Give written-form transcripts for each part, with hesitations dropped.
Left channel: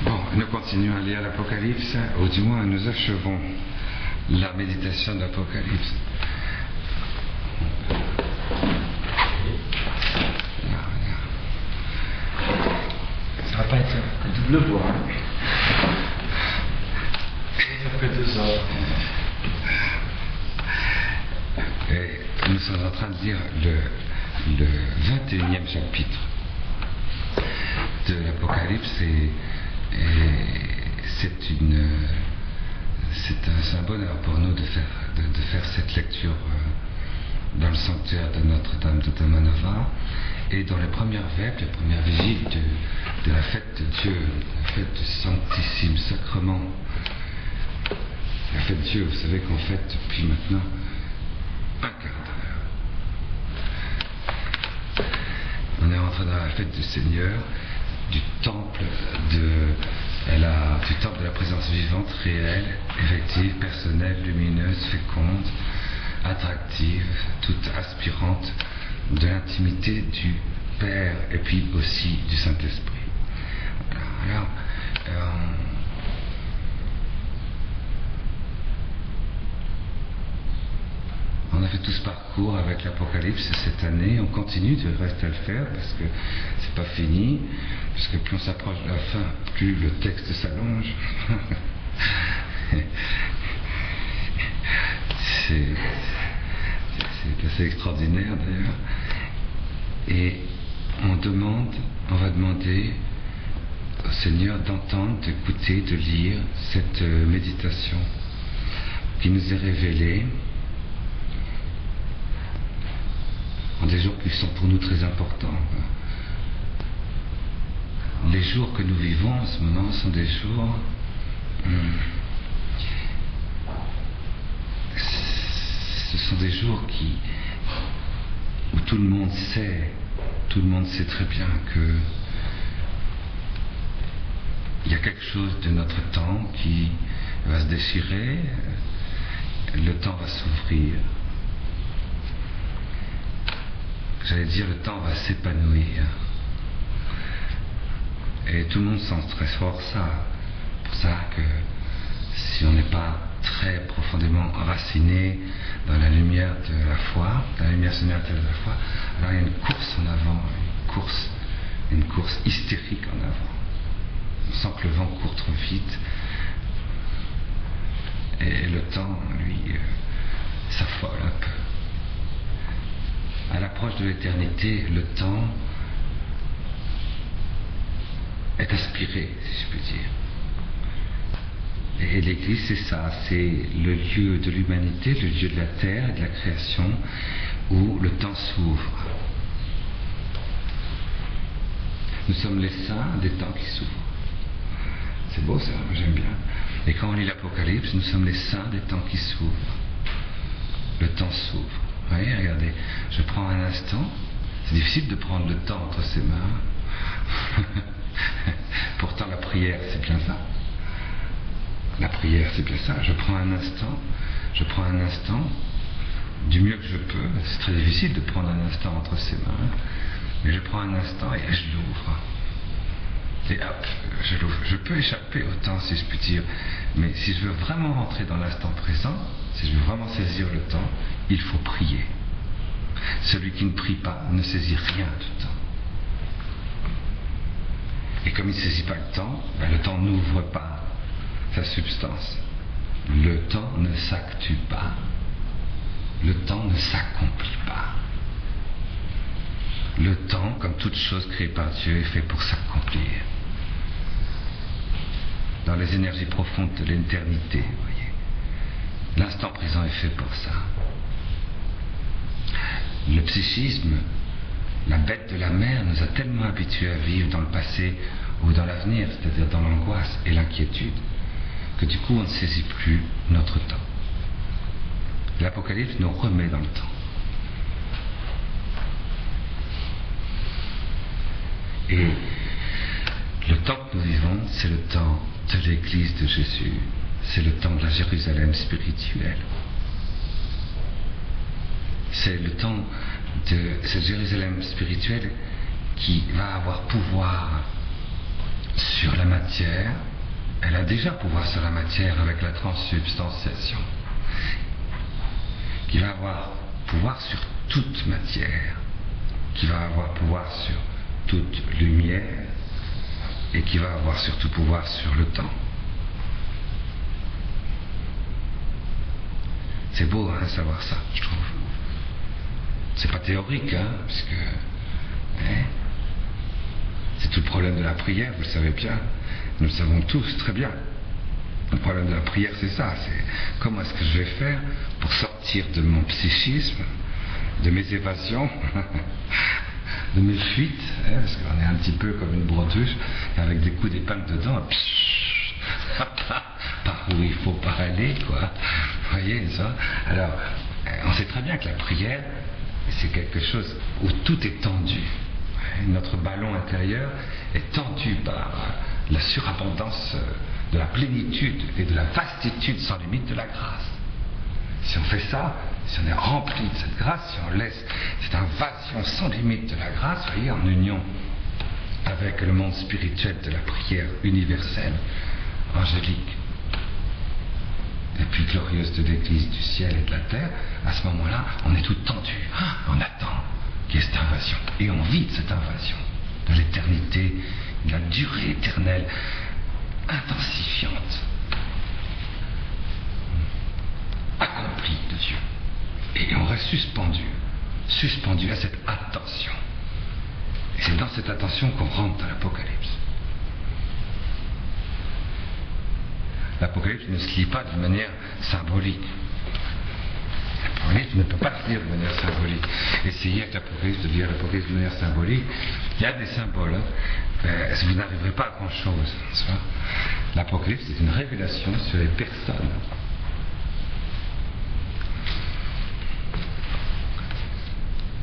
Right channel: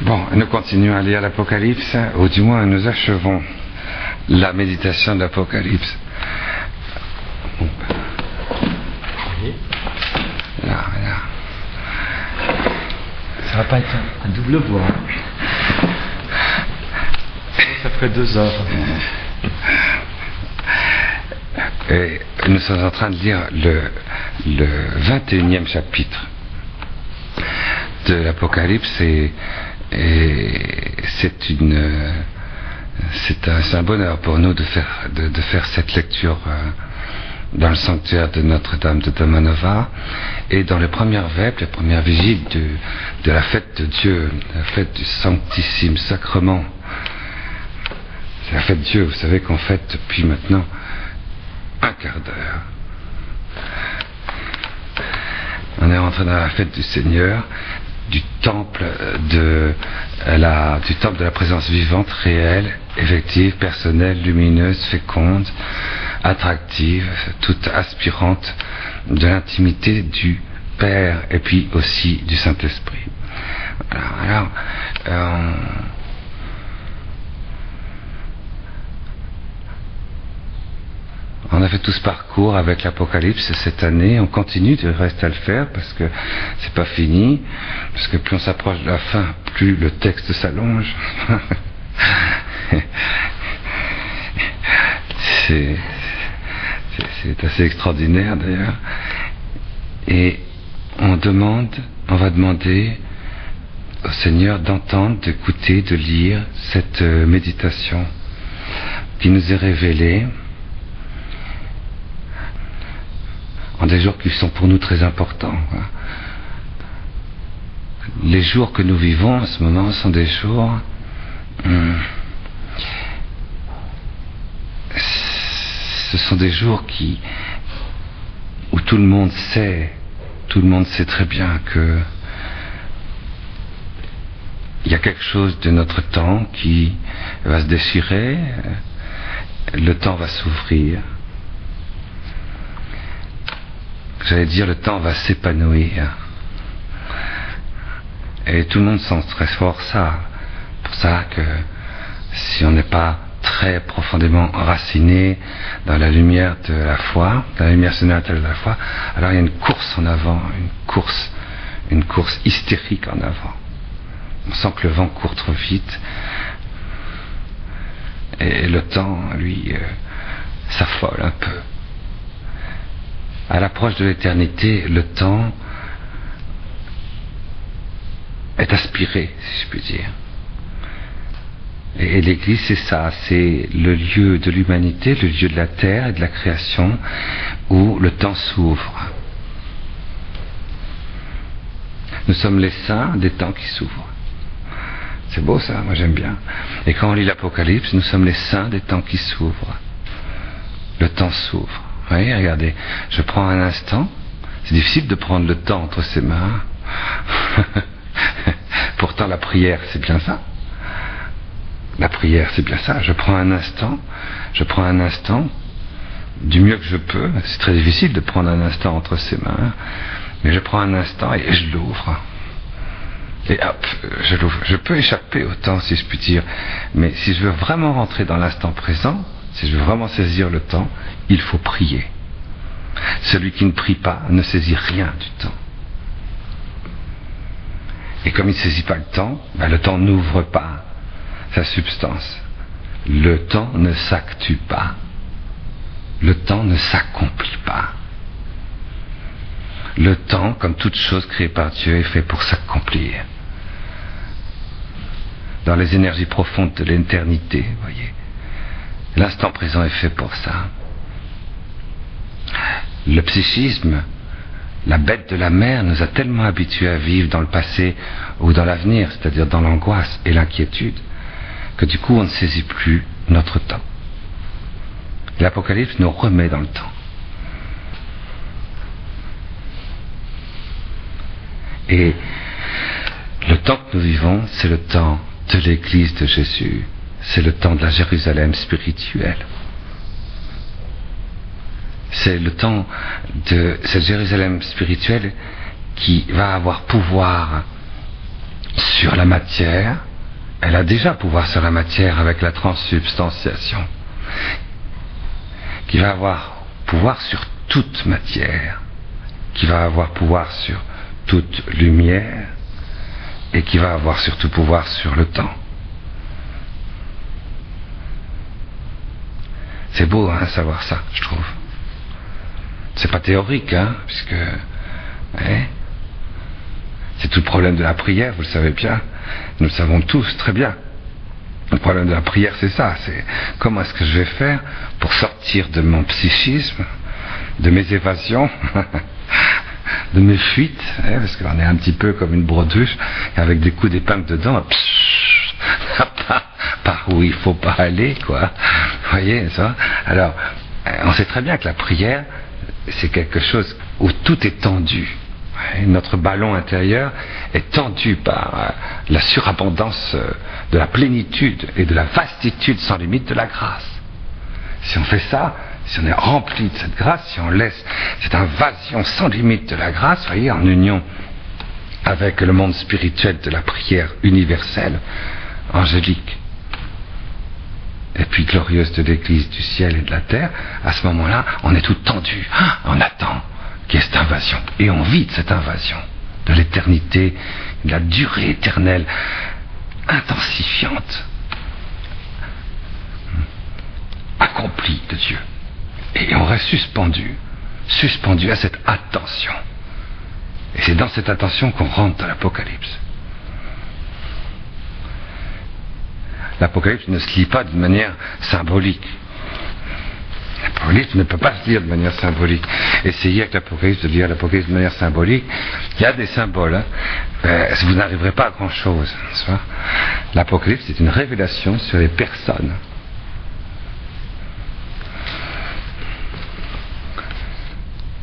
Bon, nous continuons à lire l'Apocalypse, ou du moins nous achevons la méditation de l'Apocalypse. Là. Ça va pas être un double voix. Ça ferait 2 heures. Et nous sommes en train de lire le 21e chapitre de l'Apocalypse et c'est un bonheur pour nous de faire cette lecture dans le sanctuaire de Notre-Dame de Domanova et dans les premières vêpres, les premières vigiles de la fête de Dieu, la fête du Sanctissime Sacrement. C'est la fête de Dieu, vous savez qu'on fête depuis maintenant un quart d'heure. On est rentré dans la fête du Seigneur, du temple de la présence vivante, réelle, effective, personnelle, lumineuse, féconde, attractive, toute aspirante de l'intimité du Père et puis aussi du Saint-Esprit. Alors, on a fait tout ce parcours avec l'Apocalypse cette année, on continue de rester à le faire parce que c'est pas fini, parce que plus on s'approche de la fin, plus le texte s'allonge. C'est assez extraordinaire d'ailleurs. Et on va demander au Seigneur d'entendre, d'écouter, de lire cette méditation qui nous est révélée en des jours qui sont pour nous très importants. Les jours que nous vivons en ce moment sont des jours ce sont des jours où tout le monde sait très bien que il y a quelque chose de notre temps qui va se déchirer, le temps va s'ouvrir. J'allais dire, le temps va s'épanouir. Et tout le monde sent très fort ça. Pour ça que si on n'est pas très profondément enraciné dans la lumière de la foi, dans la lumière sénatoriale de la foi, alors il y a une course en avant, une course hystérique en avant. On sent que le vent court trop vite. Et le temps, lui, s'affole un peu. À l'approche de l'éternité, le temps est aspiré, si je puis dire. Et l'Église, c'est ça, c'est le lieu de l'humanité, le lieu de la terre et de la création, où le temps s'ouvre. Nous sommes les saints des temps qui s'ouvrent. C'est beau ça, moi j'aime bien. Et quand on lit l'Apocalypse, nous sommes les saints des temps qui s'ouvrent. Le temps s'ouvre. Vous voyez, regardez, je prends un instant, c'est difficile de prendre le temps entre ses mains. Pourtant la prière, c'est bien ça. La prière, c'est bien ça. Je prends un instant, du mieux que je peux. C'est très difficile de prendre un instant entre ses mains, mais je prends un instant et je l'ouvre. Et hop, je l'ouvre. Je peux échapper au temps, si je puis dire, mais si je veux vraiment rentrer dans l'instant présent, si je veux vraiment saisir le temps, il faut prier. Celui qui ne prie pas ne saisit rien du temps. Et comme il ne saisit pas le temps n'ouvre pas sa substance. Le temps ne s'actue pas. Le temps ne s'accomplit pas. Le temps, comme toute chose créée par Dieu, est fait pour s'accomplir. Dans les énergies profondes de l'éternité, vous voyez. L'instant présent est fait pour ça. Le psychisme, la bête de la mer, nous a tellement habitués à vivre dans le passé ou dans l'avenir, c'est-à-dire dans l'angoisse et l'inquiétude, que du coup on ne saisit plus notre temps. L'Apocalypse nous remet dans le temps. Et le temps que nous vivons, c'est le temps de l'Église de Jésus. C'est le temps de la Jérusalem spirituelle. C'est le temps de cette Jérusalem spirituelle qui va avoir pouvoir sur la matière, elle a déjà pouvoir sur la matière avec la transsubstantiation, qui va avoir pouvoir sur toute matière, qui va avoir pouvoir sur toute lumière, et qui va avoir surtout pouvoir sur le temps. C'est beau, hein, savoir ça, je trouve. C'est pas théorique, hein, puisque c'est tout le problème de la prière, vous le savez bien. Nous le savons tous très bien. Le problème de la prière, c'est ça. C'est comment est-ce que je vais faire pour sortir de mon psychisme, de mes évasions, de mes fuites, parce qu'on est un petit peu comme une brodeuse, avec des coups d'épingle dedans, par où il faut pas aller, quoi. Vous voyez ça? Alors, on sait très bien que la prière, c'est quelque chose où tout est tendu. Notre ballon intérieur est tendu par la surabondance de la plénitude et de la vastitude sans limite de la grâce. Si on fait ça, si on est rempli de cette grâce, si on laisse cette invasion sans limite de la grâce, vous voyez, en union avec le monde spirituel de la prière universelle, angélique, et puis glorieuse de l'Église du ciel et de la terre, à ce moment-là, on est tout tendu, on attend qu'il y ait cette invasion, et on vit de cette invasion, de l'éternité, de la durée éternelle, intensifiante, accomplie de Dieu. Et on reste suspendu à cette attention. Et c'est dans cette attention qu'on rentre dans l'Apocalypse. L'Apocalypse ne se lit pas d'une manière symbolique. L'Apocalypse ne peut pas se lire de manière symbolique. Essayez avec l'Apocalypse de lire l'Apocalypse de manière symbolique. Il y a des symboles, hein. Vous n'arriverez pas à grand chose. L'Apocalypse est une révélation sur les personnes.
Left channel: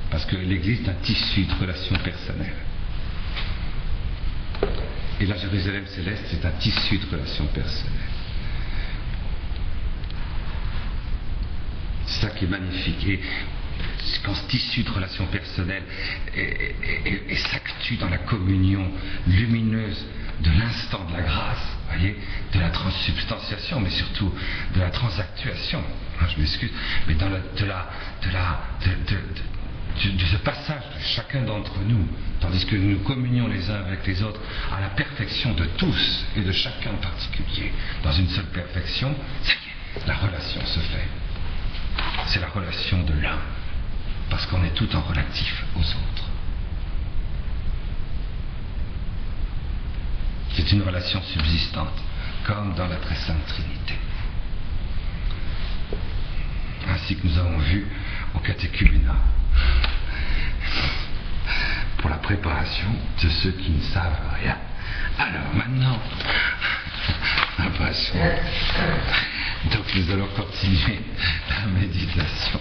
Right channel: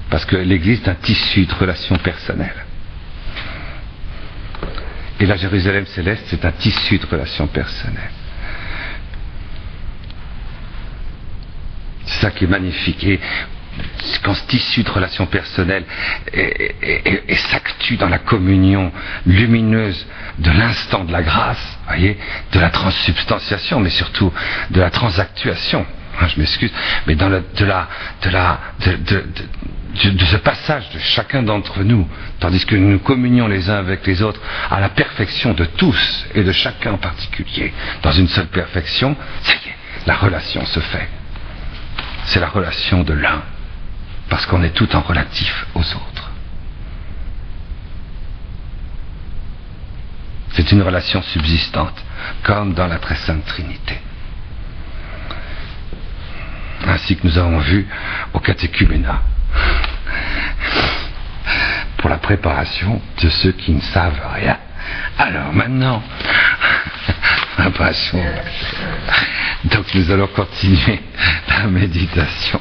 Parce que l'Église est un tissu de relations personnelles. Et la Jérusalem céleste, c'est un tissu de relations personnelles. C'est ça qui est magnifique. Et quand ce tissu de relations personnelles s'actue dans la communion lumineuse de l'instant de la grâce, voyez, de la transsubstantiation, mais surtout de la transactuation. Je m'excuse, mais dans de ce passage de chacun d'entre nous, tandis que nous communions les uns avec les autres à la perfection de tous et de chacun en particulier, dans une seule perfection, ça y est, la relation se fait. C'est la relation de l'un, parce qu'on est tout en relatif aux autres. C'est une relation subsistante, comme dans la très sainte Trinité. Ainsi que nous avons vu au catéchuménat, pour la préparation de ceux qui ne savent rien. Alors maintenant, préparation. Donc nous allons continuer la méditation.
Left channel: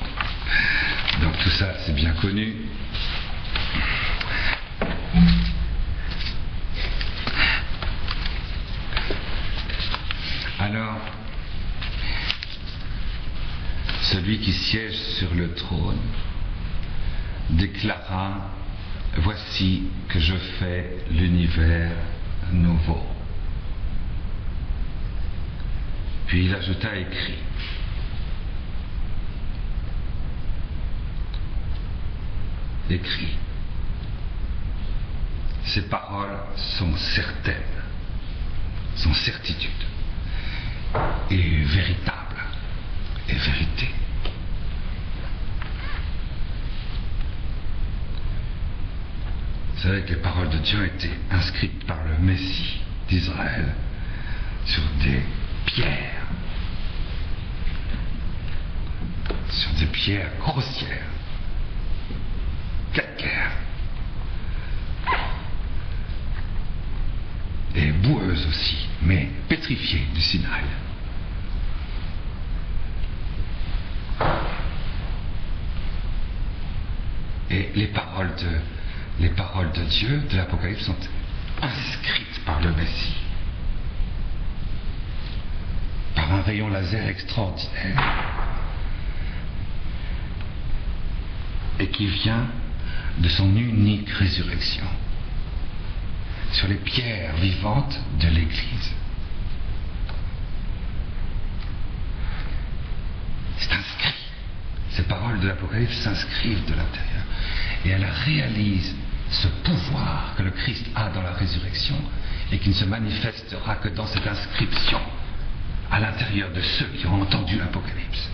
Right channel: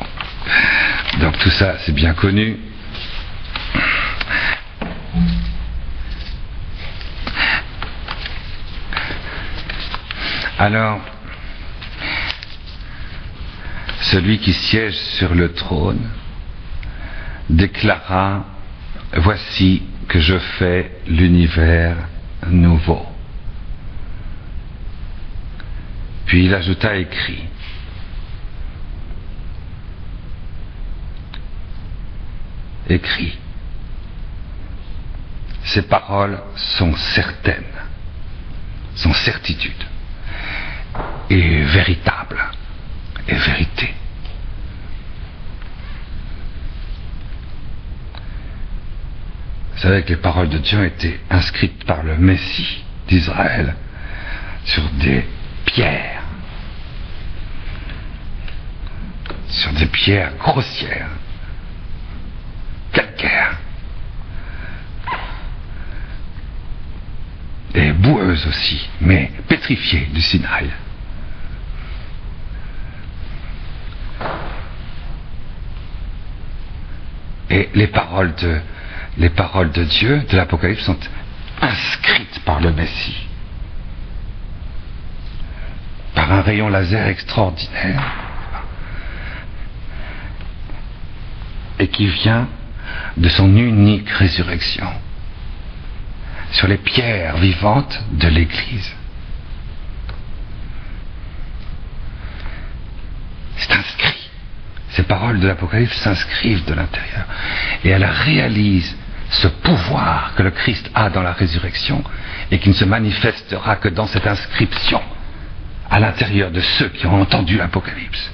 Donc tout ça, c'est bien connu. Alors, celui qui siège sur le trône déclara: voici que je fais l'univers nouveau. Puis il ajouta écrit. Écrit. Ces paroles sont certaines, sont certitudes, et véritables, et vérité. Vous savez que les paroles de Dieu ont été inscrites par le Messie d'Israël sur des pierres, grossières, calcaires, et boueuses aussi, mais pétrifiées du Sinaï. Et les paroles de Dieu, de l'Apocalypse, sont inscrites par le Messie, par un rayon laser extraordinaire, et qui vient de son unique résurrection. sur les pierres vivantes de l'Église. C'est inscrit. Ces paroles de l'Apocalypse s'inscrivent de l'intérieur. Et elles réalisent ce pouvoir que le Christ a dans la résurrection et qui ne se manifestera que dans cette inscription à l'intérieur de ceux qui ont entendu l'Apocalypse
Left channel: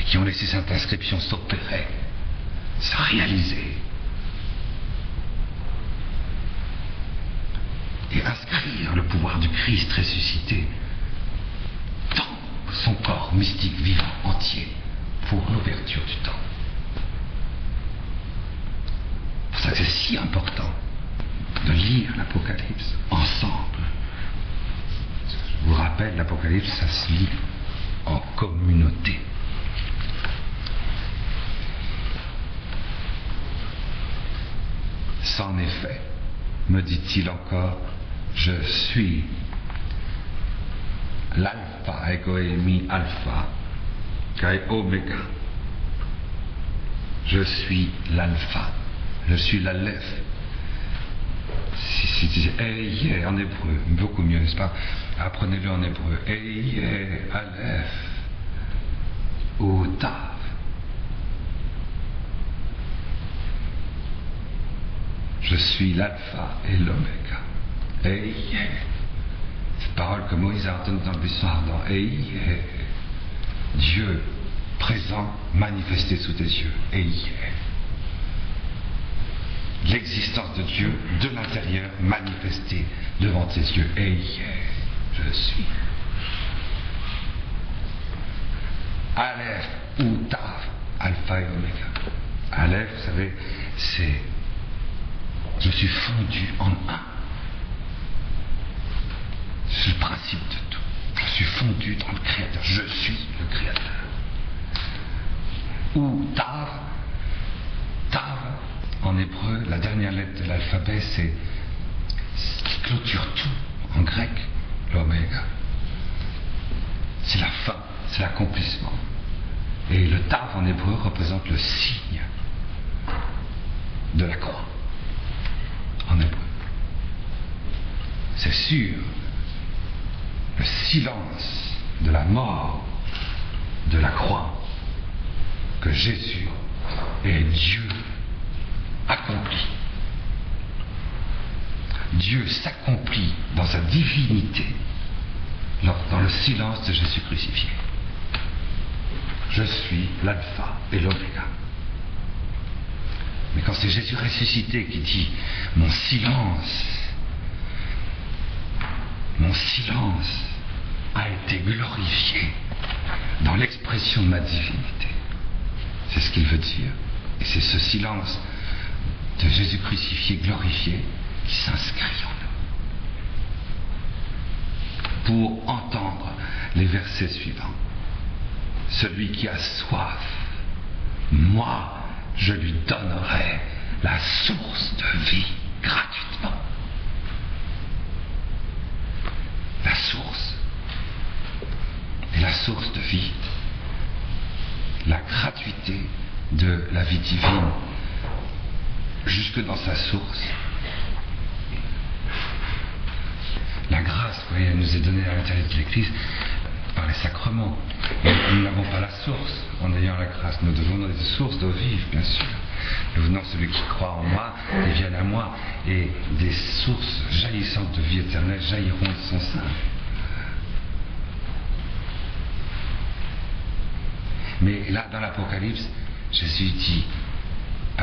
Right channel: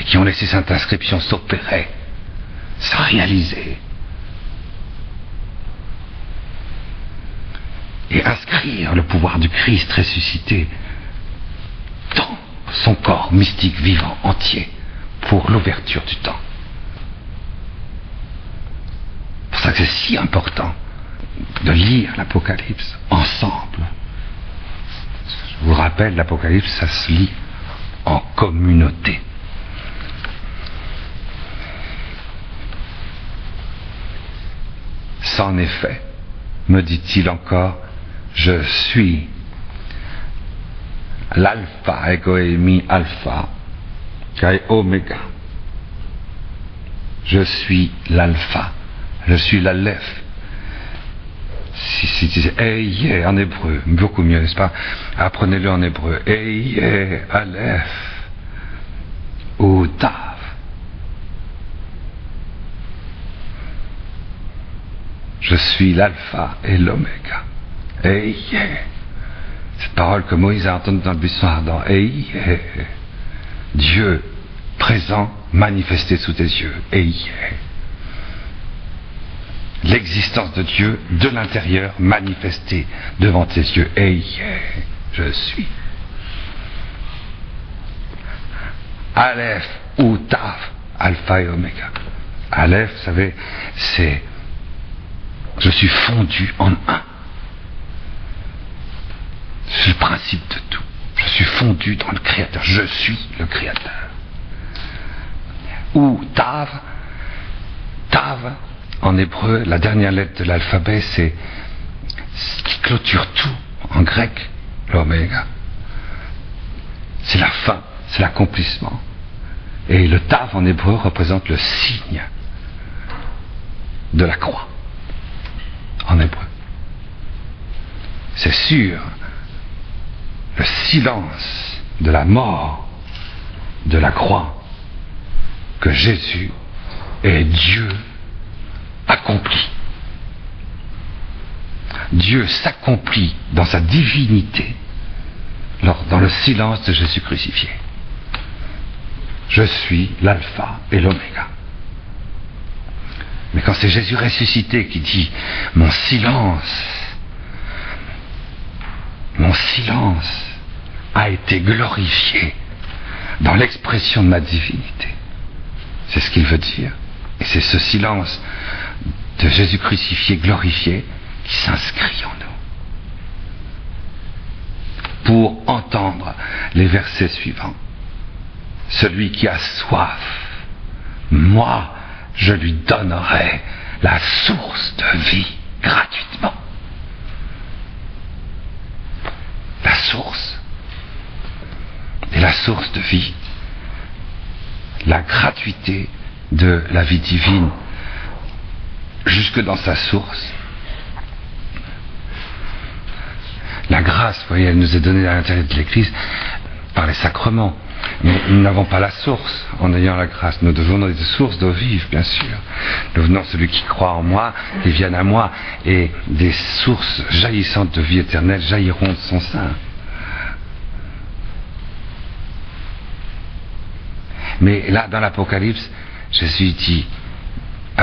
et qui ont laissé cette inscription s'opérer, se réaliser et inscrire le pouvoir du Christ ressuscité dans son corps mystique vivant entier pour l'ouverture du temps. C'est pour ça que c'est si important de lire l'Apocalypse ensemble. Je vous rappelle, l'Apocalypse, ça se lit en communauté. C'en est fait, me dit-il encore, je suis l'alpha, ego eimi alpha, kai oméga. Je suis l'alpha, je suis l'aleph. Si Eye en hébreu, beaucoup mieux, n'est-ce pas? Apprenez-le en hébreu. Eye, aleph, ou tav. Je suis l'alpha et l'oméga. Eye. Cette parole que Moïse a entendue dans le buisson ardent. Eye. Dieu présent, manifesté sous tes yeux. Eye. L'existence de Dieu de l'intérieur manifestée devant tes yeux. Eye. Je suis. Aleph ou Tav, alpha et oméga. Aleph, vous savez, c'est je suis fondu en un. C'est le principe de tout. Je suis fondu dans le Créateur. Je suis le Créateur. Ou Tav. Tav, en hébreu, la dernière lettre de l'alphabet, c'est ce qui clôture tout. En grec, l'oméga. C'est la fin, c'est l'accomplissement. Et le Tav en hébreu représente le signe de la croix. En hébreu. C'est sûr, le silence de la mort de la croix que Jésus est Dieu accompli. Dieu s'accomplit dans sa divinité dans le silence de Jésus crucifié. Je suis l'alpha et l'oméga. Mais quand c'est Jésus ressuscité qui dit « Mon silence a été glorifié dans l'expression de ma divinité », c'est ce qu'il veut dire. Et c'est ce silence de Jésus crucifié, glorifié, qui s'inscrit en nous. Pour entendre les versets suivants. Celui qui a soif, moi, je lui donnerai la source de vie gratuitement. La source. Et la source de vie. La gratuité de la vie divine. Jusque dans sa source. La grâce, vous voyez, elle nous est donnée à l'intérieur de l'Église par les sacrements. Mais nous n'avons pas la source en ayant la grâce. Nous devons des sources d'eau vive, bien sûr. Nous venons celui qui croit en moi, qui vienne à moi, et des sources jaillissantes de vie éternelle jailliront de son sein. Mais là, dans l'Apocalypse, Jésus dit,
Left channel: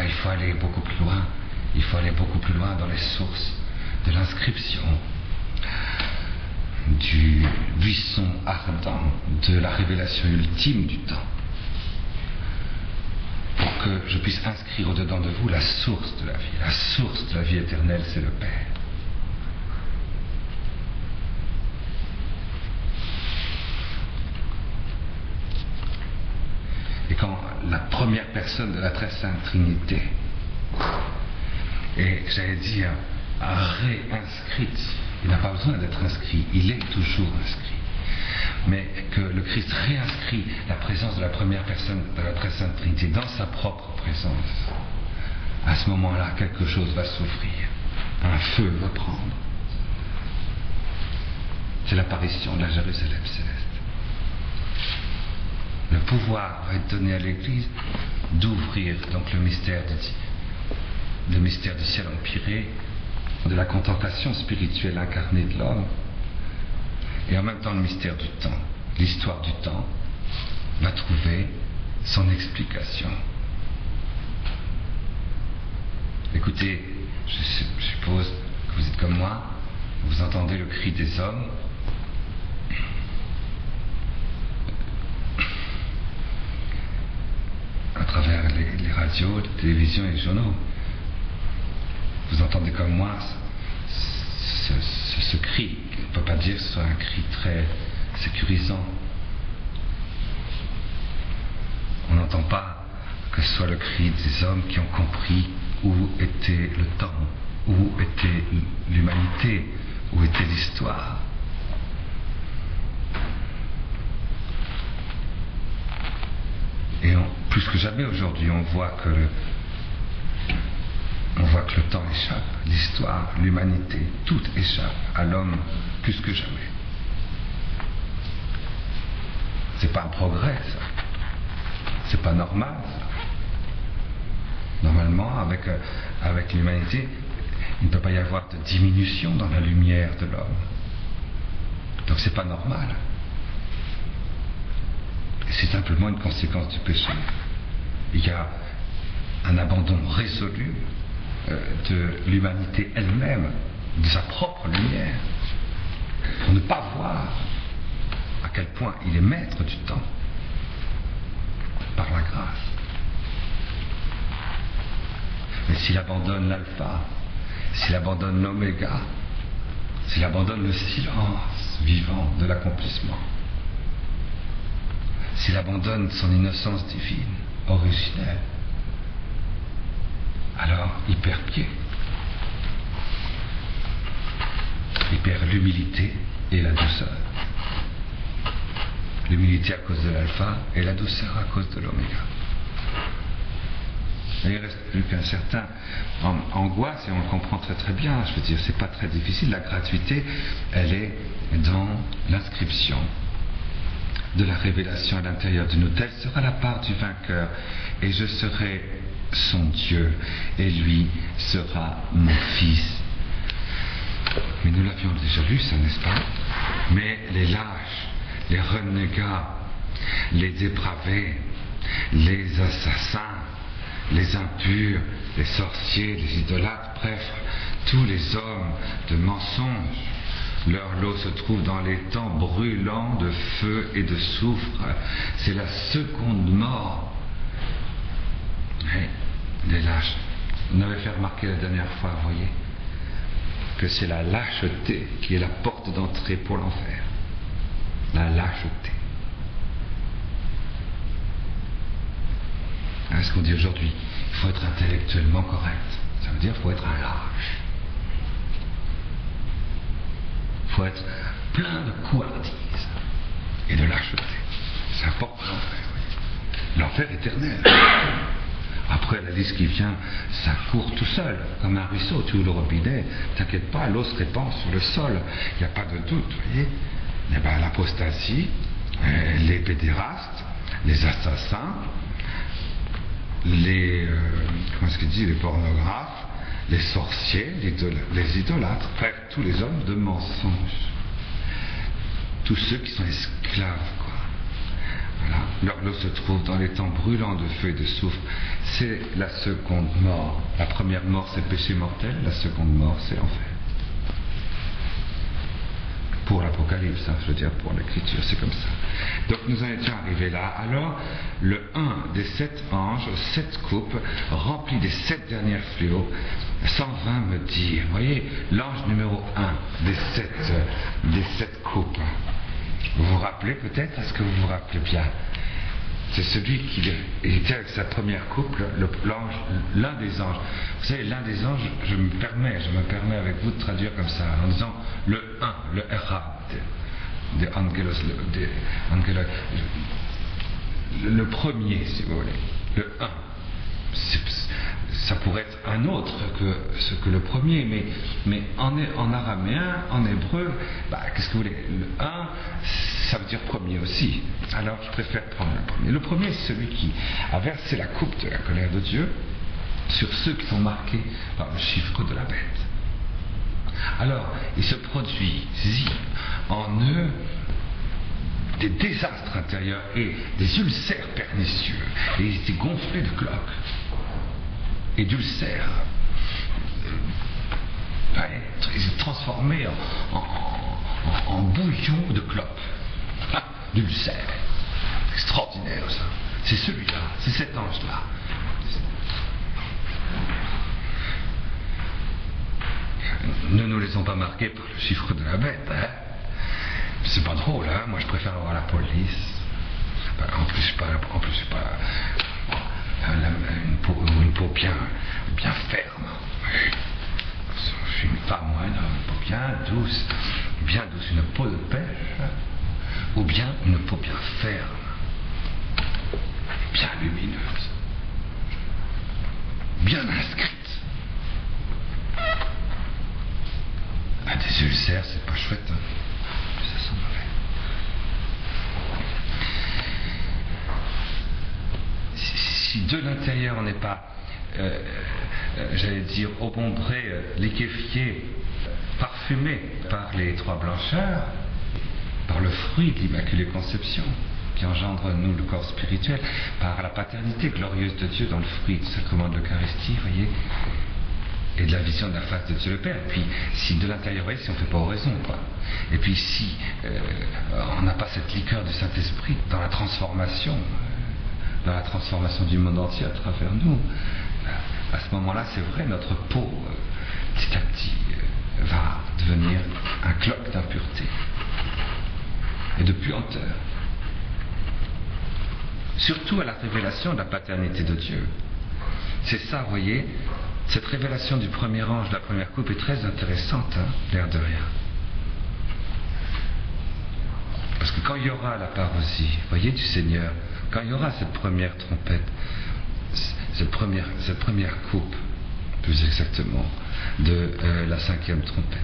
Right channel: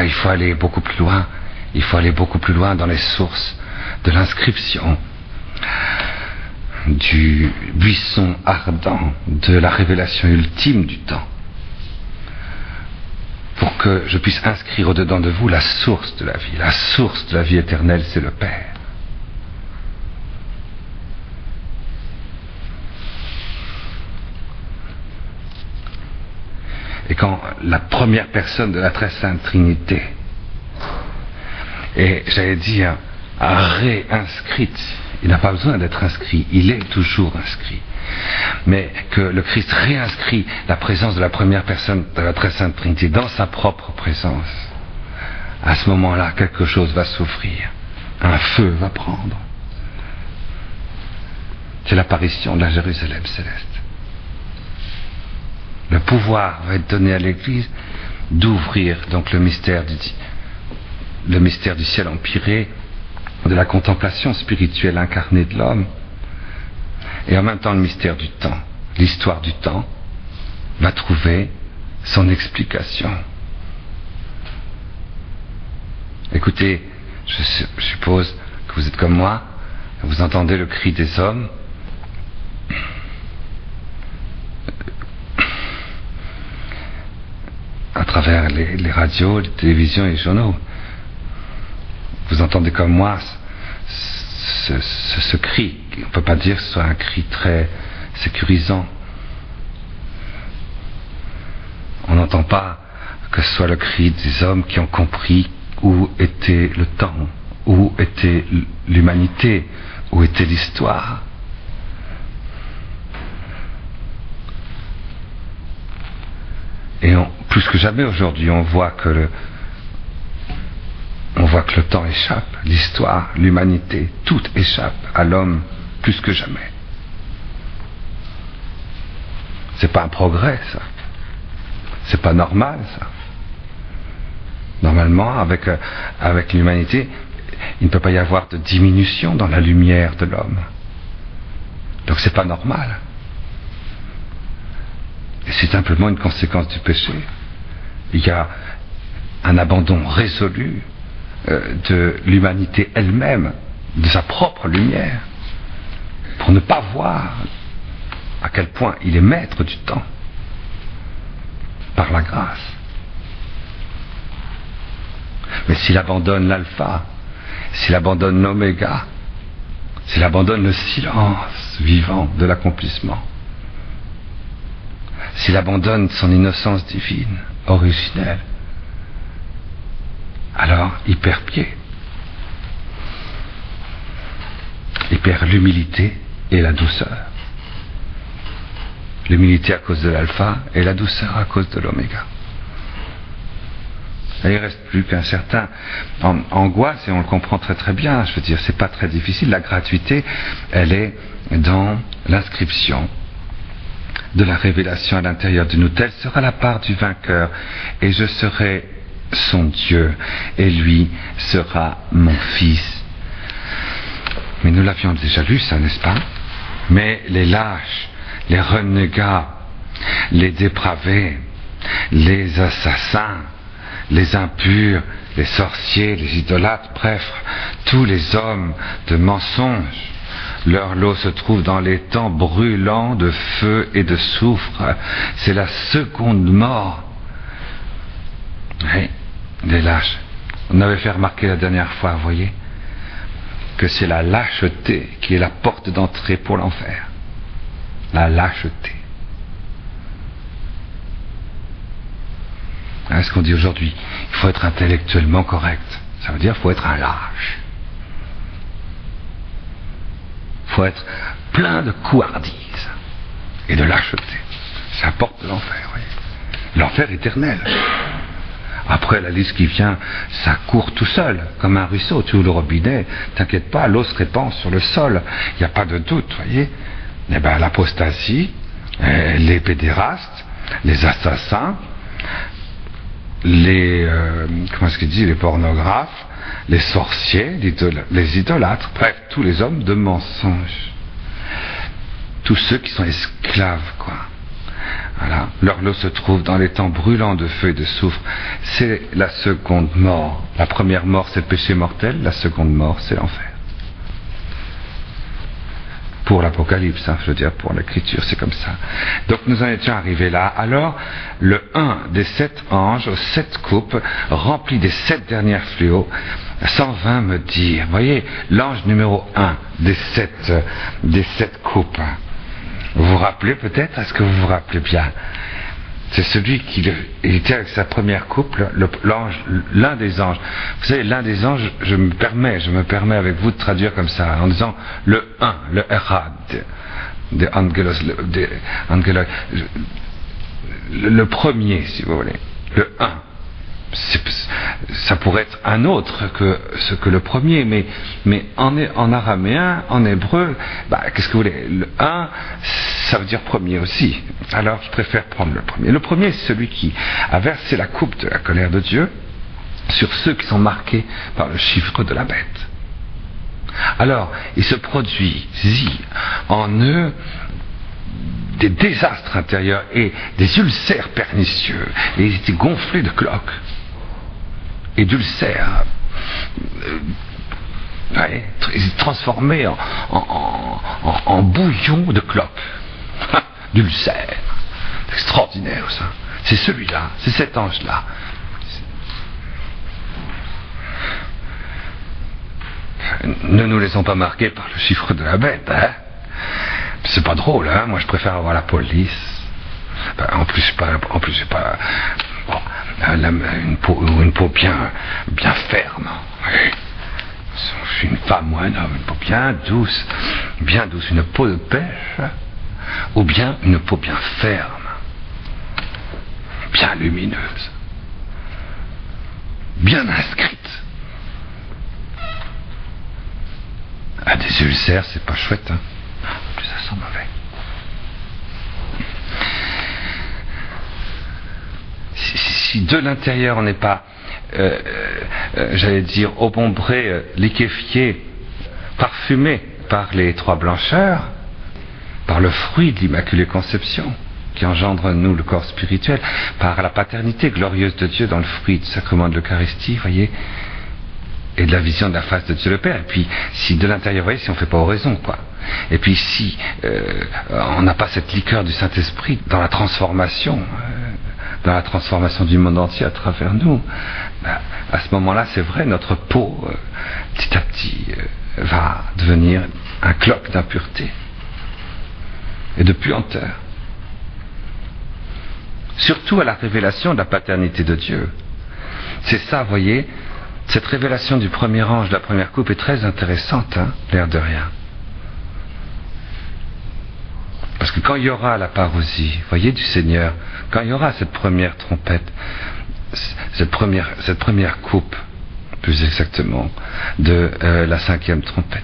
il faut aller beaucoup plus loin. Il faut aller beaucoup plus loin dans les sources de l'inscription du buisson ardent de la révélation ultime du temps, pour que je puisse inscrire au-dedans de vous la source de la vie. La source de la vie éternelle, c'est le Père. Et quand la première personne de la très sainte Trinité est, j'allais dire, réinscrite, il n'a pas besoin d'être inscrit, il est toujours inscrit. Mais que le Christ réinscrit la présence de la première personne de la très sainte Trinité dans sa propre présence. À ce moment-là, quelque chose va s'ouvrir. un feu va prendre. C'est l'apparition de la Jérusalem céleste. Le pouvoir va être donné à l'Église d'ouvrir donc le mystère du ciel empyré, de la contemplation spirituelle incarnée de l'homme, et en même temps le mystère du temps, l'histoire du temps, va trouver son explication. Écoutez, je suppose que vous êtes comme moi, vous entendez le cri des hommes, à travers les radios, les télévisions et les journaux. Vous entendez comme moi ce cri. On ne peut pas dire que ce soit un cri très sécurisant. On n'entend pas que ce soit le cri des hommes qui ont compris où était le temps, où était l'humanité, où était l'histoire. Et plus que jamais aujourd'hui, on voit que le temps échappe, l'histoire, l'humanité, tout échappe à l'homme plus que jamais. C'est pas un progrès, ça. C'est pas normal, ça. Normalement, avec l'humanité, il ne peut pas y avoir de diminution dans la lumière de l'homme. Donc c'est pas normal. Et c'est simplement une conséquence du péché. Il y a un abandon résolu de l'humanité elle-même, de sa propre lumière, pour ne pas voir à quel point il est maître du temps, par la grâce. Mais s'il abandonne l'alpha, s'il abandonne l'oméga, s'il abandonne le silence vivant de l'accomplissement, s'il abandonne son innocence divine, originelle, alors il perd pied. Il perd l'humilité et la douceur. L'humilité à cause de l'alpha et la douceur à cause de l'oméga. Et il ne reste plus qu'un certain angoisse, et on le comprend très très bien. Je veux dire, c'est pas très difficile. La gratuité, elle est dans l'inscription de la révélation à l'intérieur de nous. Telle sera la part du vainqueur, et je serai son Dieu, et lui sera mon fils. Mais nous l'avions déjà lu, ça, n'est-ce pas? Mais les lâches, les renégats, les dépravés, les assassins, les impurs, les sorciers, les idolâtres, bref, tous les hommes de mensonge, leur lot se trouve dans les temps brûlants de feu et de soufre. C'est la seconde mort. Oui, les lâches. On avait fait remarquer la dernière fois, vous voyez, que c'est la lâcheté qui est la porte d'entrée pour l'enfer. La lâcheté. Hein, ce qu'on dit aujourd'hui, il faut être intellectuellement correct. Ça veut dire qu'il faut être un lâche. Il faut être plein de couardise et de lâcheté. C'est la porte de l'enfer, voyez. L'enfer éternel. Après, la liste qui vient, ça court tout seul, comme un ruisseau. Tu ouvres le robinet, t'inquiète pas, l'eau se répand sur le sol. Il n'y a pas de doute, voyez. Eh bien, l'apostasie, les pédérastes, les assassins, les pornographes, les sorciers, les idolâtres, bref, tous les hommes de mensonge. Tous ceux qui sont esclaves, quoi. Voilà. Leur lot se trouve dans les temps brûlants de feu et de soufre. C'est la seconde mort. La première mort, c'est le péché mortel. La seconde mort, c'est l'enfer. Pour l'Apocalypse, hein, je veux dire, pour l'Écriture, c'est comme ça. Donc nous en étions arrivés là. Alors, le 1 des 7 anges aux 7 coupes, rempli des 7 dernières fléaux, s'en vint me dire, voyez, l'ange numéro 1 des 7 coupes. Vous vous rappelez peut-être? Est-ce que vous vous rappelez bien? C'est celui qui était avec sa première coupe, l'ange, l'un des anges. Vous savez, l'un des anges, je me permets avec vous de traduire comme ça, en disant le 1, le Erad, de Angelos, le premier, si vous voulez, le 1. Ça pourrait être un autre que le premier, mais en araméen, en hébreu, qu'est-ce que vous voulez? Le un, ça veut dire premier aussi. Alors je préfère prendre le premier. Le premier, c'est celui qui a versé la coupe de la colère de Dieu sur ceux qui sont marqués par le chiffre de la bête. Alors, il se produit en eux des désastres intérieurs et des ulcères pernicieux, et ils étaient gonflés de cloques et d'ulcères. Ils étaient transformés en bouillon de cloques, d'ulcères. C'est extraordinaire ça. C'est celui-là, c'est cet ange-là. Ne nous laissons pas marquer par le chiffre de la bête, hein. C'est pas drôle, hein. Moi je préfère avoir la police. En plus j'ai pas une peau bien ferme. Oui. Je suis une femme ou un homme, une peau bien douce, une peau de pêche, ou bien une peau bien ferme, bien lumineuse, bien inscrite. Des ulcères, c'est pas chouette, hein. En plus, ça sent mauvais. Si de l'intérieur on n'est pas, j'allais dire, obombré, liquéfié, parfumé par les trois blancheurs, par le fruit de l'Immaculée Conception, qui engendre en nous le corps spirituel, par la paternité glorieuse de Dieu dans le fruit du sacrement de l'Eucharistie, voyez, et de la vision de la face de Dieu le Père. Et puis, si de l'intérieur, vous voyez, si on ne fait pas oraison, quoi. Et puis, si on n'a pas cette liqueur du Saint-Esprit dans la transformation du monde entier à travers nous, à ce moment-là, c'est vrai, notre peau, petit à petit, va devenir un cloque d'impureté et de puanteur. Surtout à la révélation de la paternité de Dieu. C'est ça, vous voyez. Cette révélation du premier ange de la première coupe est très intéressante, hein, l'air de rien. Parce que quand il y aura la parousie, voyez, du Seigneur, quand il y aura cette première trompette, cette première coupe, plus exactement, de la 5e trompette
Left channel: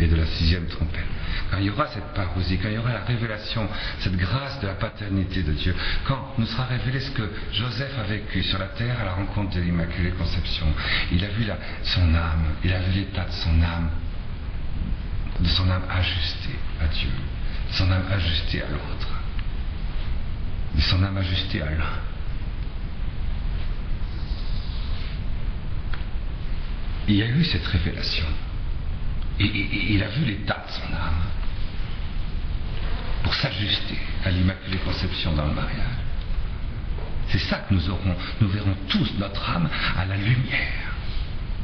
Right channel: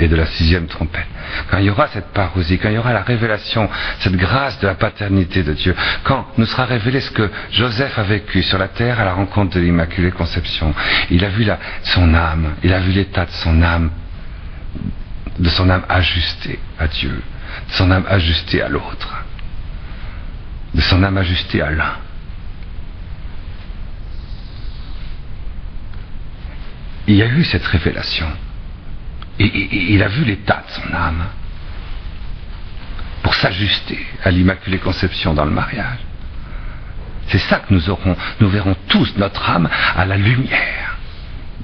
et de la 6e trompette, quand il y aura cette parousie, quand il y aura la révélation, cette grâce de la paternité de Dieu, quand nous sera révélé ce que Joseph a vécu sur la terre à la rencontre de l'Immaculée Conception, il a vu son âme, il a vu l'état de son âme ajustée à Dieu, de son âme ajustée à l'autre, de son âme ajustée à l'un. Il y a eu cette révélation. Et il a vu l'état de son âme pour s'ajuster à l'Immaculée Conception dans le mariage. C'est ça que nous verrons tous notre âme à la lumière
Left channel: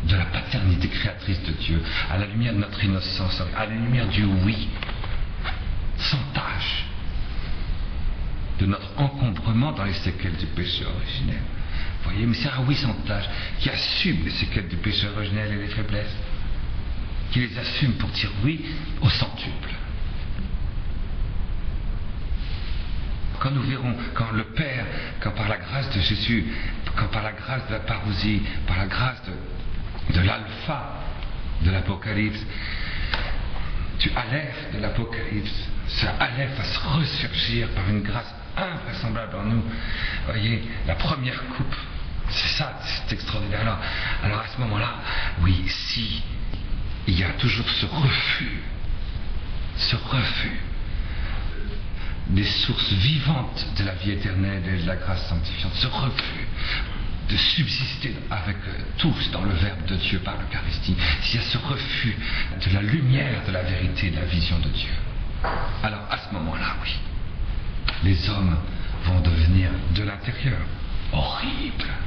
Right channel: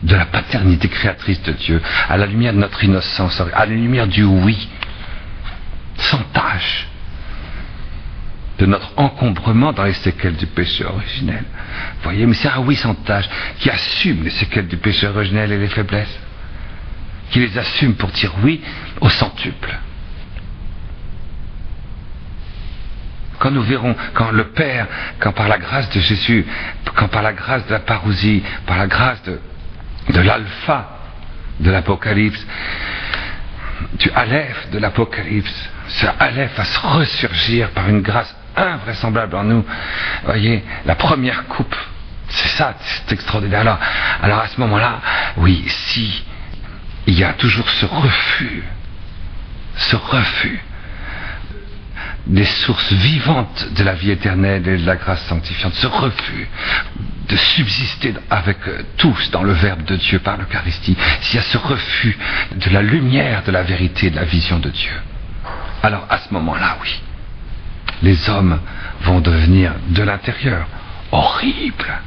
de la paternité créatrice de Dieu, à la lumière de notre innocence, à la lumière du oui, sans tache, de notre encombrement dans les séquelles du péché originel. Vous voyez, mais c'est un oui sans tache qui assume les séquelles du péché originel et les faiblesses, qui les assume pour dire oui au centuple. Quand nous verrons, quand le Père, quand par la grâce de Jésus, quand par la grâce de la parousie, par la grâce de l'alpha de l'Apocalypse, du aleph de l'Apocalypse, ce aleph va se ressurgir par une grâce invraisemblable en nous. Vous voyez, la première coupe, c'est ça, c'est extraordinaire. Alors à ce moment-là, oui, si il y a toujours ce refus des sources vivantes de la vie éternelle et de la grâce sanctifiante, ce refus de subsister avec tous dans le Verbe de Dieu par l'Eucharistie, s'il y a ce refus de la lumière de la vérité, de la vision de Dieu, alors à ce moment-là, oui, les hommes vont devenir de l'intérieur horribles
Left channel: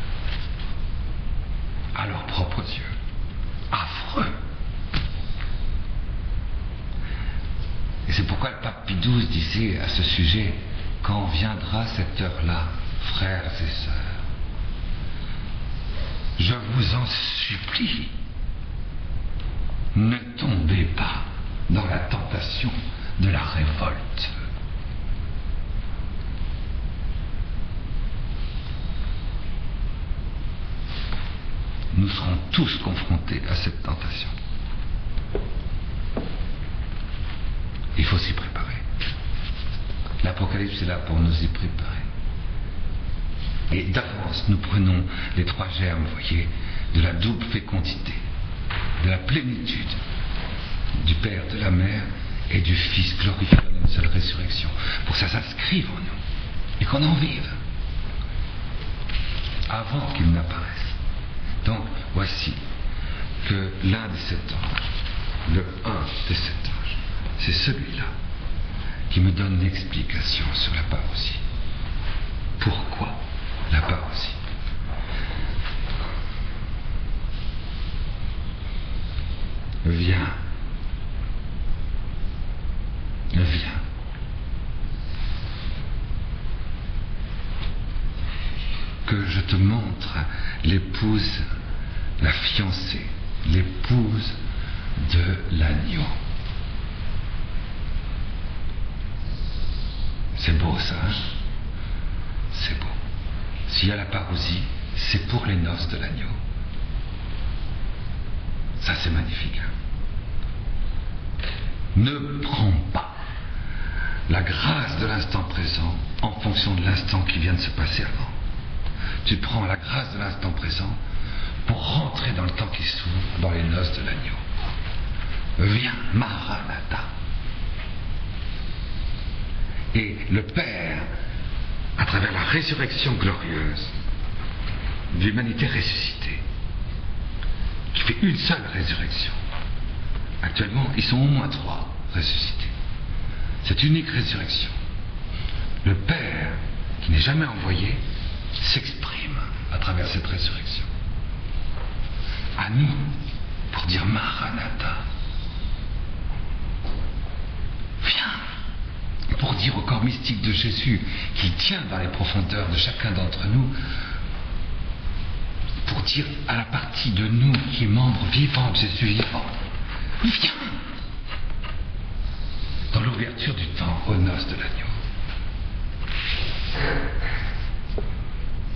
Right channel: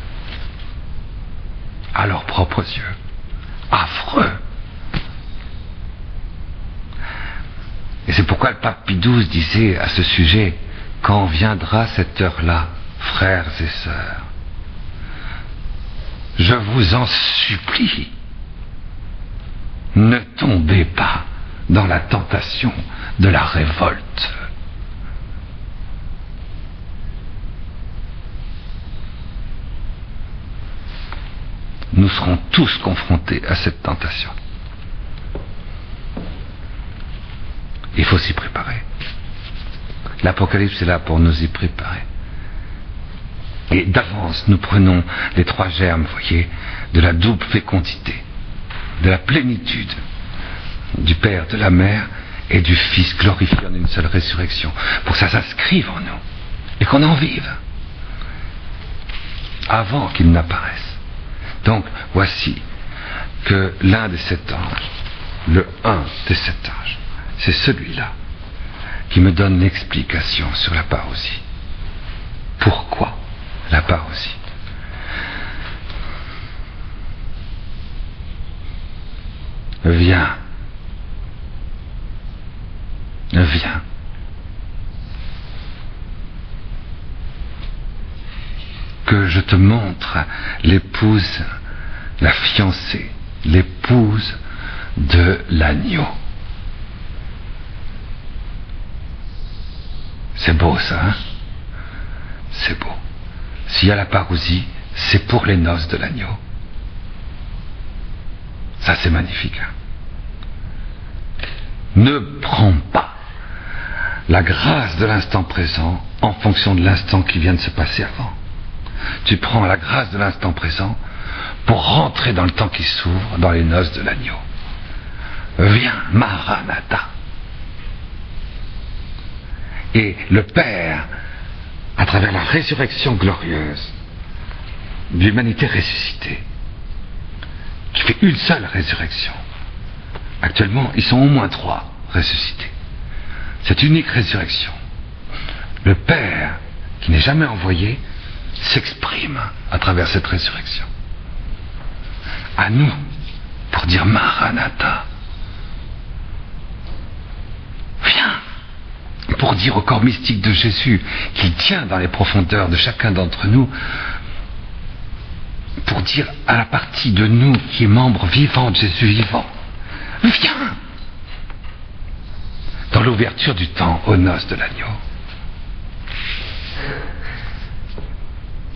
à leurs propres yeux, affreux. Et c'est pourquoi le pape Pie XII disait à ce sujet: quand viendra cette heure-là, frères et sœurs, je vous en supplie, ne tombez pas dans la tentation de la révolte. nous serons tous confrontés à cette tentation. Il faut s'y préparer. L'Apocalypse est là pour nous y préparer. Et d'avance, nous prenons les 3 germes, vous voyez, de la double fécondité, de la plénitude du Père, de la Mère et du Fils glorifié en une seule résurrection, pour que ça s'inscrive en nous et qu'on en vive avant qu'il n'apparaisse. Donc, voici que l'un des 7 anges, le un des 7 anges, c'est celui-là qui me donne l'explication sur la parousie. Pourquoi la parousie? Viens. Viens. Que je te montre l'épouse, la fiancée, l'épouse de l'agneau. C'est beau ça, hein? C'est beau. S'il y a la parousie, c'est pour les noces de l'agneau. Ça c'est magnifique, hein? Ne prends pas la grâce de l'instant présent en fonction de l'instant qui vient de se passer avant. Tu prends la grâce de l'instant présent pour rentrer dans le temps qui s'ouvre, dans les noces de l'agneau. Viens, Maranatha. Et le Père, à travers la résurrection glorieuse de l'humanité ressuscitée, qui fait une seule résurrection. Actuellement, ils sont au moins 3 ressuscités. Cette unique résurrection, le Père, qui n'est jamais envoyé, s'exprime à travers cette résurrection. À nous, pour dire Maranatha. Viens. Pour dire au corps mystique de Jésus, qu'il tient dans les profondeurs de chacun d'entre nous, pour dire à la partie de nous qui est membre vivant de Jésus vivant, viens. Dans l'ouverture du temps aux noces de l'agneau.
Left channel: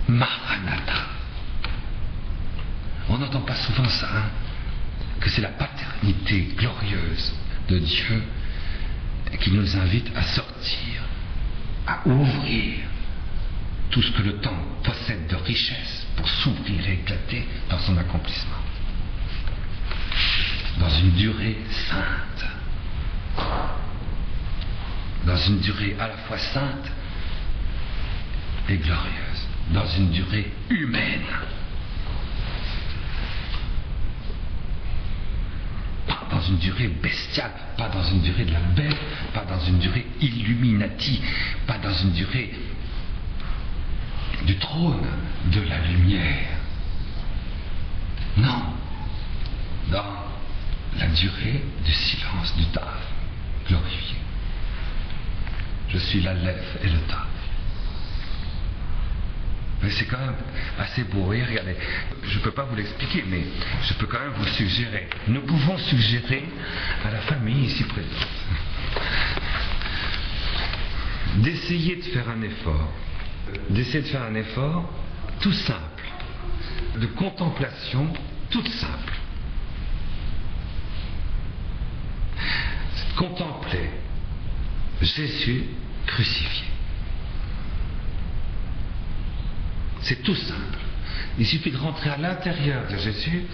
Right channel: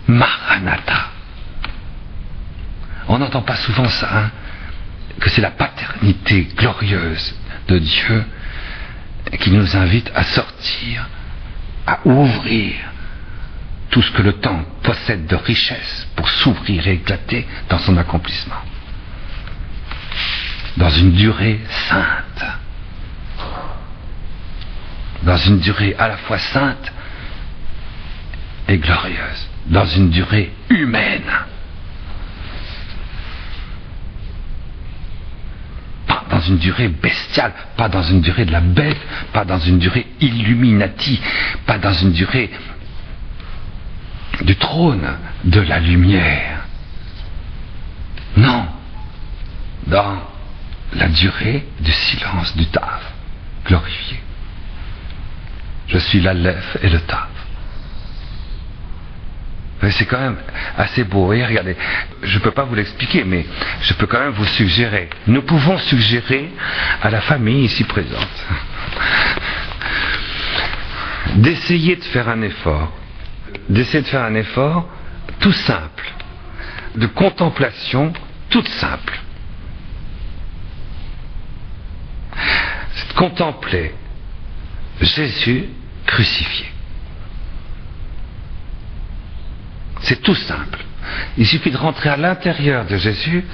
Maranatha. On n'entend pas souvent ça, hein, que c'est la paternité glorieuse de Dieu qui nous invite à sortir, à ouvrir tout ce que le temps possède de richesse pour s'ouvrir et éclater dans son accomplissement. Dans une durée sainte. Dans une durée à la fois sainte et glorieuse. Dans une durée humaine. Pas dans une durée bestiale, pas dans une durée de la bête, pas dans une durée illuminati, pas dans une durée du trône de la lumière. Non, dans la durée du silence du Tav, glorifié. Je suis l'Aleph et le Tav. C'est quand même assez beau. Et regardez, je ne peux pas vous l'expliquer, mais je peux quand même vous suggérer. Nous pouvons suggérer à la famille ici présente d'essayer de faire un effort. D'essayer de faire un effort tout simple, de contemplation toute simple. C'est de contempler Jésus crucifié. C'est tout simple. Il suffit de rentrer à l'intérieur de Jésus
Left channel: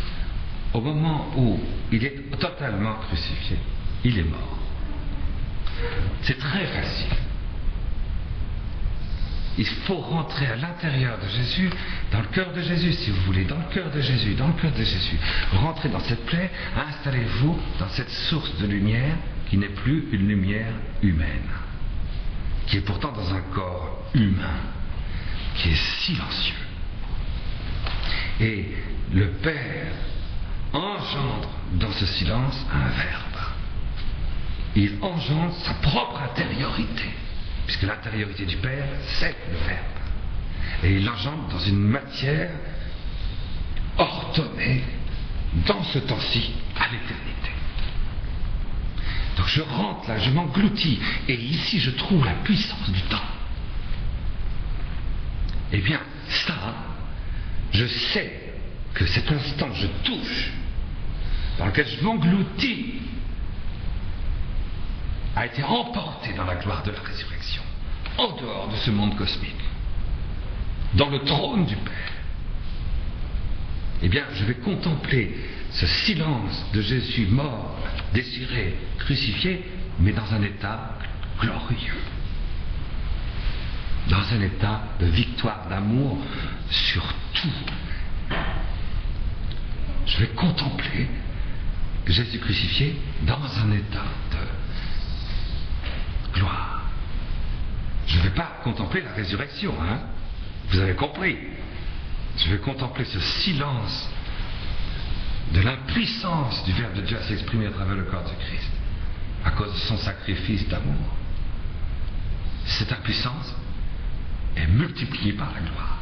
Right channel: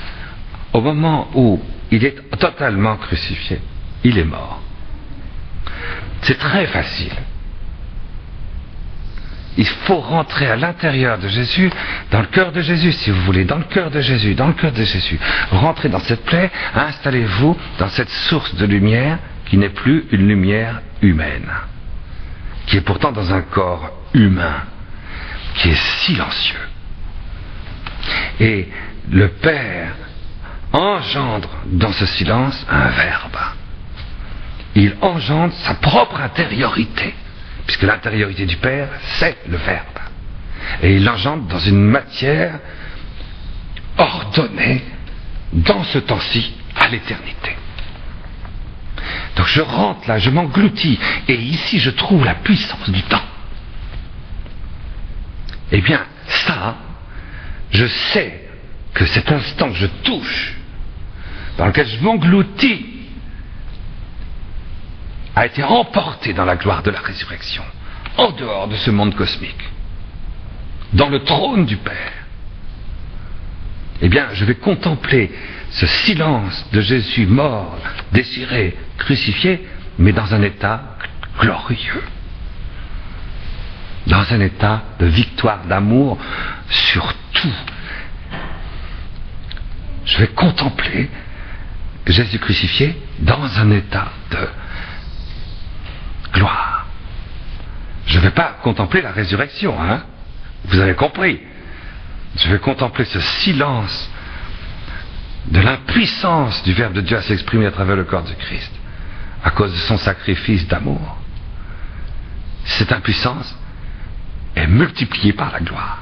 au moment où il est totalement crucifié. Il est mort. C'est très facile. Il faut rentrer à l'intérieur de Jésus, dans le cœur de Jésus, si vous voulez, dans le cœur de Jésus, dans le cœur de Jésus. Rentrez dans cette plaie, installez-vous dans cette source de lumière qui n'est plus une lumière humaine, qui est pourtant dans un corps humain, qui est silencieux. Et le Père engendre dans ce silence un verbe. Il engendre sa propre intériorité, puisque l'intériorité du Père, c'est le Verbe. Et il l'engendre dans une matière ordonnée dans ce temps-ci à l'éternité. Donc je rentre là, je m'engloutis, et ici je trouve la puissance du temps. Eh bien, ça, je sais que cet instant que je touche, dans lequel je m'engloutis, a été emporté dans la gloire de la résurrection, en dehors de ce monde cosmique, dans le trône du Père, eh bien, je vais contempler ce silence de Jésus mort, déchiré, crucifié, mais dans un état glorieux, dans un état de victoire, d'amour sur tout. Je vais contempler Jésus crucifié dans un état de gloire. Je ne vais pas contempler la résurrection, hein? Vous avez compris. Je vais contempler ce silence de l'impuissance du Verbe de Dieu à s'exprimer à travers le corps de Christ, à cause de son sacrifice d'amour. Cette impuissance est multipliée par la gloire.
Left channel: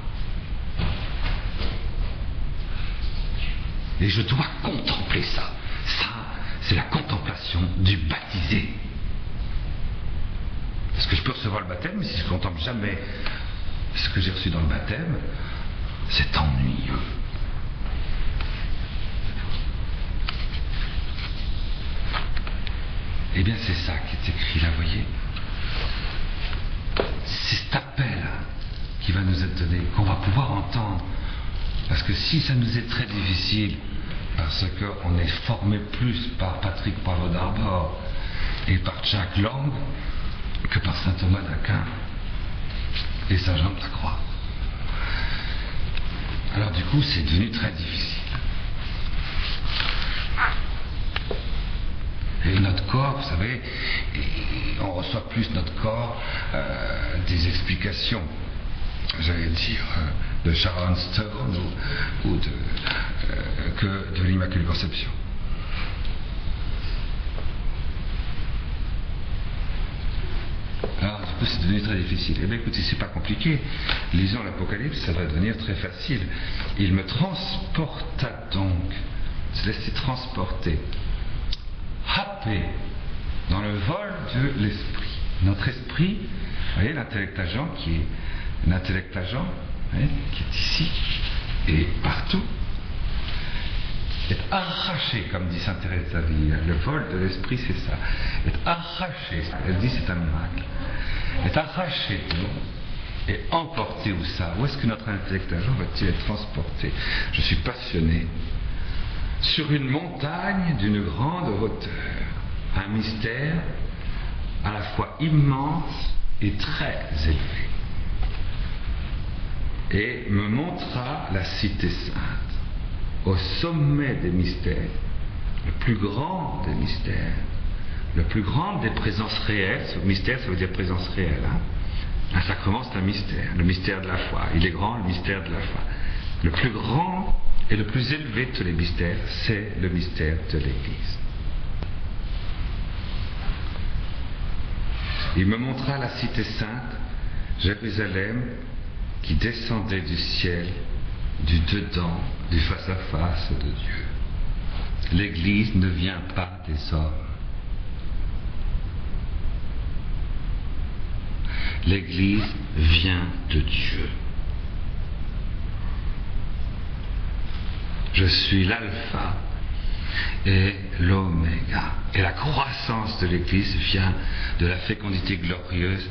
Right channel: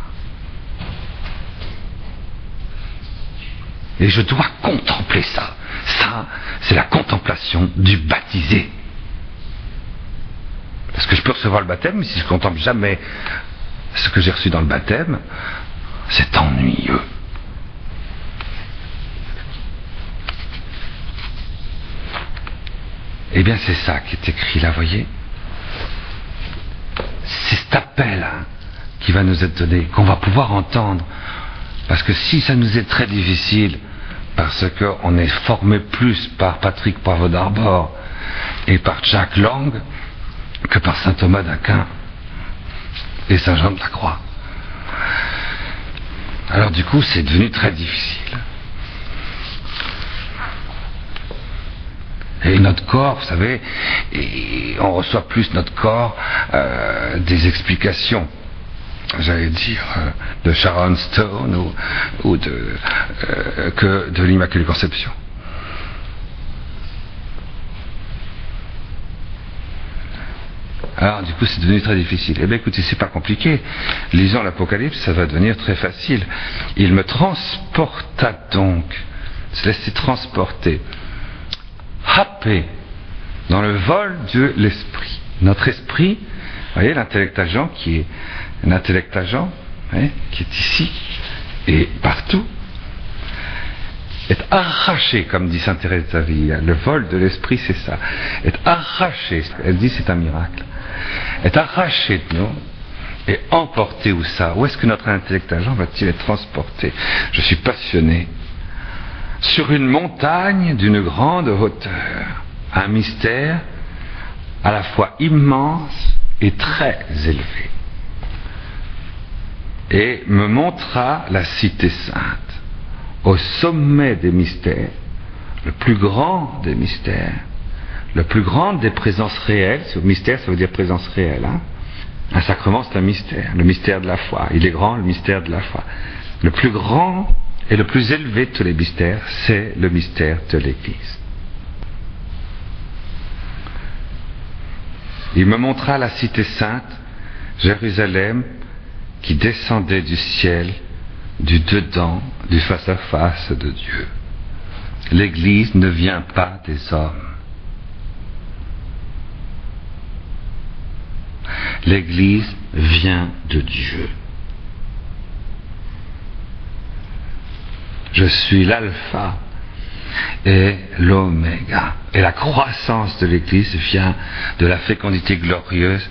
Et je dois contempler ça. Ça, c'est la contemplation du baptisé. Parce que je peux recevoir le baptême, mais si je ne contemple jamais ce que j'ai reçu dans le baptême, c'est ennuyeux. Eh bien, c'est ça qui est écrit là, voyez. C'est cet appel qui va nous être donné, qu'on va pouvoir entendre. Parce que si ça nous est très difficile, parce qu'on est formé plus par Patrick Poivre d'Arbor et par Jacques Lang que par saint Thomas d'Aquin et saint Jean de la Croix. Alors du coup, c'est devenu très difficile. Et notre corps, vous savez, on reçoit plus notre corps des explications, j'allais dire, de Sharon Stone ou que de l'Immaculée Conception. Alors du coup c'est devenu très difficile. Eh bien écoutez, c'est pas compliqué. Lisons l'Apocalypse, ça va devenir très facile. Il me transporta donc, se laisser transporter, happé dans le vol de l'esprit. Notre esprit, vous voyez, l'intellect agent qui est un intellect agent, qui est ici et partout, est arraché, comme dit sainte Thérèse d'Avila. Le vol de l'esprit, c'est ça. Est arraché. Elle dit c'est un miracle. Est arraché de nous et emporté où ça? Où est-ce que notre intellect agent va-t-il être transporté? Je suis passionné. Sur une montagne d'une grande hauteur, un mystère à la fois immense et très élevé, et me montra la cité sainte, au sommet des mystères, le plus grand des mystères, le plus grand des présences réelles. Ce mystère, ça veut dire présence réelle, hein? Un sacrement, c'est un mystère, le mystère de la foi. Il est grand, le mystère de la foi. Le plus grand et le plus élevé de tous les mystères, c'est le mystère de l'Église. Il me montra la cité sainte, Jérusalem, qui descendait du ciel, du dedans, du face-à-face de Dieu. L'Église ne vient pas des hommes. L'Église vient de Dieu. Je suis l'alpha et l'oméga. Et la croissance de l'Église vient de la fécondité glorieuse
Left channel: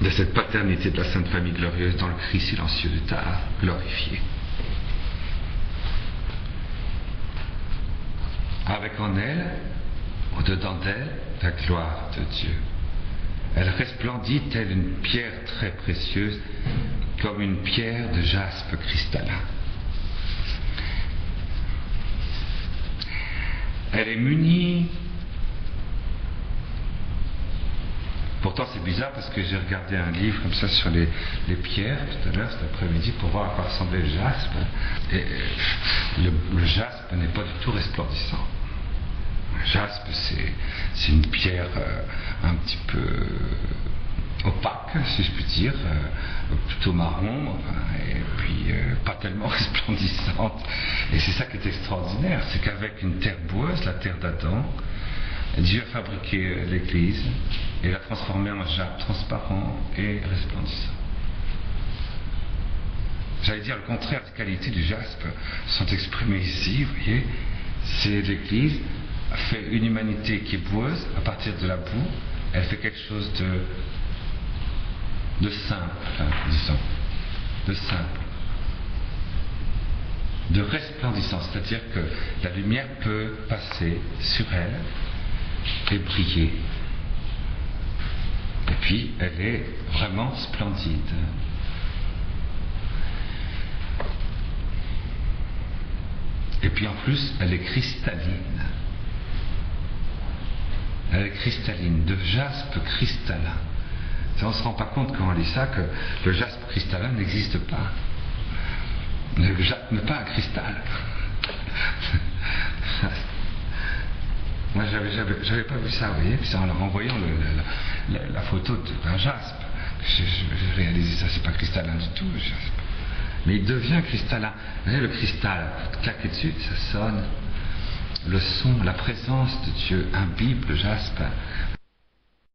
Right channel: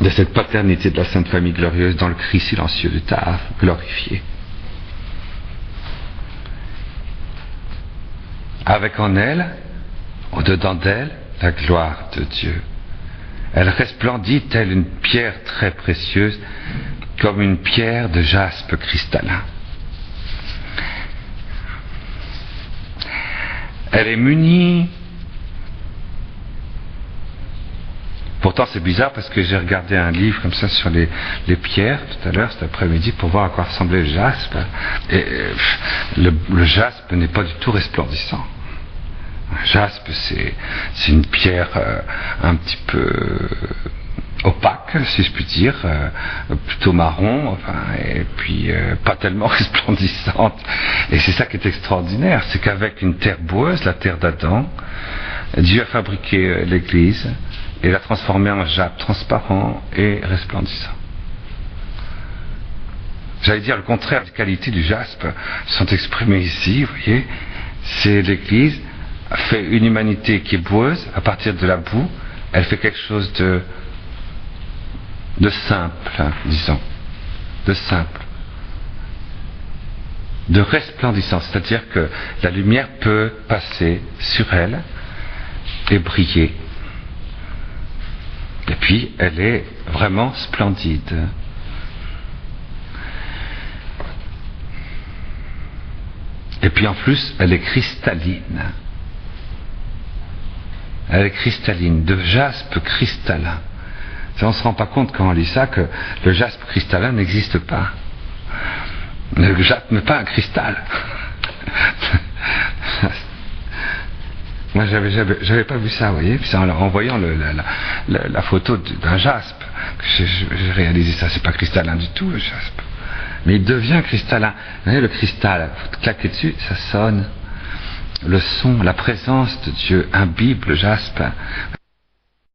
de cette paternité de la Sainte Famille glorieuse dans le cri silencieux du Tave glorifié. Avec en elle, au-dedans d'elle, la gloire de Dieu. Elle resplendit telle une pierre très précieuse, comme une pierre de jaspe cristallin. Elle est munie. Pourtant c'est bizarre parce que j'ai regardé un livre comme ça sur les pierres tout à l'heure, cet après-midi, pour voir à quoi ressemblait le jaspe. Et le jaspe n'est pas du tout resplendissant. Un jaspe, c'est une pierre un petit peu opaque, si je puis dire, plutôt marron, enfin, et puis pas tellement resplendissante. Et c'est ça qui est extraordinaire, c'est qu'avec une terre boueuse, la terre d'Adam, Dieu a fabriqué l'Église et l'a transformée en jaspe transparent et resplendissant. j'allais dire le contraire des qualités du jaspe, sont exprimées ici, vous voyez. C'est l'Église fait une humanité qui est boueuse, à partir de la boue, elle fait quelque chose de simple, disons, de simple, de resplendissant, c'est-à-dire que la lumière peut passer sur elle et briller. Et puis, elle est vraiment splendide. Et puis en plus, elle est cristalline. Elle est cristalline, de jaspe cristallin. On ne se rend pas compte quand on lit ça que le jaspe cristallin n'existe pas. Le jaspe n'est pas un cristal. Moi, j'avais pas vu ça, vous voyez. Puis en voyant la photo d'un jaspe, j'ai réalisé ça. C'est pas cristallin du tout, le jaspe. Mais il devient cristallin. Vous voyez, le cristal, vous claquez dessus, ça sonne. Le son, la présence de Dieu imbibe le jaspe.